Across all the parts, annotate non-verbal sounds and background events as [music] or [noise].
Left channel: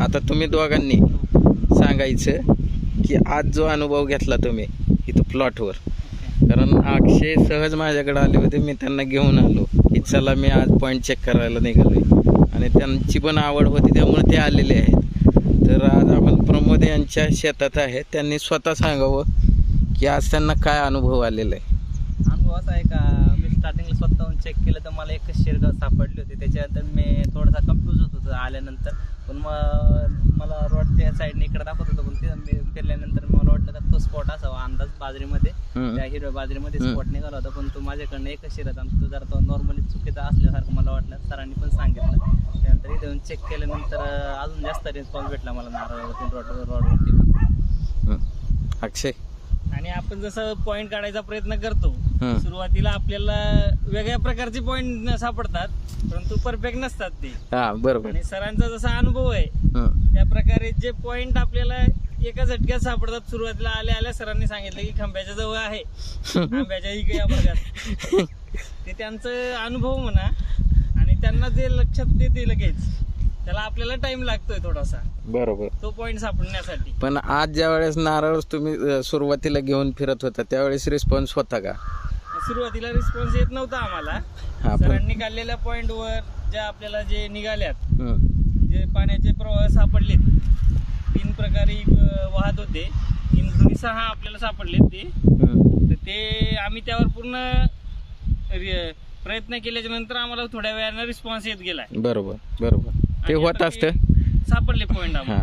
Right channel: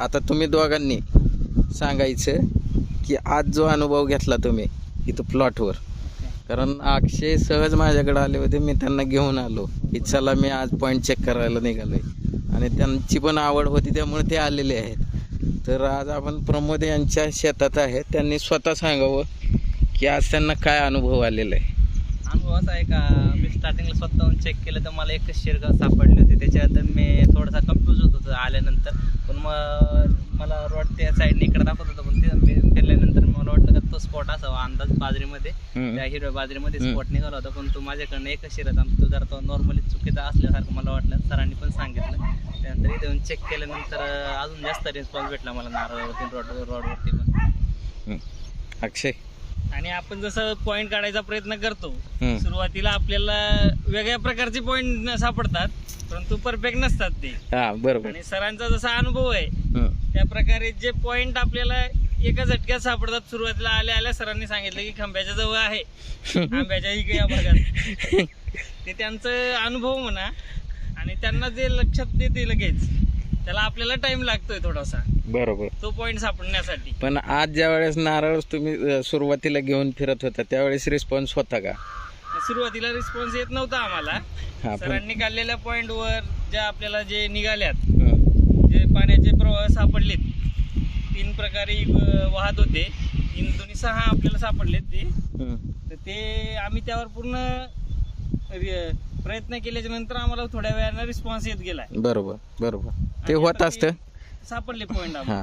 आता तुम्ही दोघांनी सांगायचं की आज जो अनुभव घेतला तुम्ही इथं प्लॉटवर कारण अक्षय सहज माझ्याकडे आले होते मी त्यांना घेऊन आलो की चला मी आज पॉईंट चेक करायला निघालो आणि त्यांची पण आवड होती त्यामुळे ते आलेले आहेत. तर आज आपण प्रमोद यांच्या शेतात आहे त्यांनी स्वतः सांगावं की आज त्यांना काय अनुभव आलेला आहे. अनुभव असा आहे का मी स्टार्टिंगला स्वतःहून चेक केलं तर मला एकच शिरगाव सापडली होती त्याच्यात मी थोडासा कन्फ्यूज होत होतो आल्यानंतर पण मग मला रोड त्या साईडने इकडे दाखवत होतं पण ते मी फिरल्यानंतर मला वाटलं का तो स्पॉट असावा अंदाज बाजरीमध्ये. त्या हिरव्या बाजरीमध्ये. स्पॉट निघाला होता पण तो माझ्याकडनं एकच शिरत आणि तो जरा तो नॉर्मली चुकीचा असल्यासारखं मला वाटलं सरांनी पण सांगितलं त्यानंतर इथे येऊन चेक केल्यानंतर अजून जास्त रिस्पॉन्स भेटला मला नारळावरती रोड रोडवरती पण. अक्षय आणि आपण जसं पॉइंट काढायचा प्रयत्न करतो हं. सुरुवातीला आपल्याला वेगळ्या प्रकारचे पॉइंट सापडतात परंतु परफेक्ट नसतात ते. हा बरोबर. आणि सरांचा जसा अनुभव आहे हं. त्या प्रकारे जे पॉइंट आपल्याला एका झटक्यात सापडतात सुरुवातीला आल्या आल्या सरांनी सांगितलं की खांब्याच्या जवळ आहे. आंब्याच्या इकडे या भागात [laughs] ते त्यांचं अनुभव म्हणा आणि त्यांना जे लक्षात येते लगेच. त्याला आपल्याला टाइम लागतोय थोडासा. बरोबर. तो पॉइंट सापडण्यासाठी. पण आज ज्या वेळेस नारळ तुम्ही अ, सुरुवातीला घेऊन फिरत होता त्यावेळेस रिस्पॉन्स होता का? सुरुवातीला रिस्पॉन्स येत नव्हता आम्हाला. हा पण सरांनी काढलेल्या पॉइंटवर ज्या आपल्याला जे निघाल्यात हं. जे पाण्याचे प्रवाह सापडलेत तीन प्रकारे अ, वाहत होते. तीन दोन्ही सहा आपल्याला सापडलेत ते. हं. तर ते आम्ही त्यावर पूर्ण रि- प्रयत्न केल्याच्यानंतर आम्हाला थोड्या वेळानं रिस्पॉन्स येत गेलाय. बरोबर बरोबर. ते आणि होत आता असतं. सापडले पॉइंट हां.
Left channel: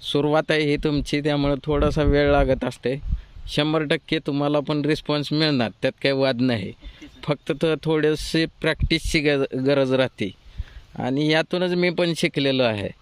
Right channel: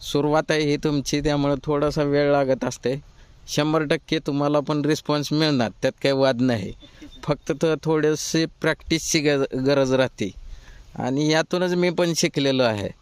सुरुवात आहे ही तुमची त्यामुळे थोडासा वेळ लागत असते. शंभर टक्के तुम्हाला पण रिस्पॉन्स मिळणार त्यात काही वाद नाही. फक्त तर थोडेसे प्रॅक्टिसची गज गरज राहते. आणि यातूनच मी पण शिकलेलो आहे.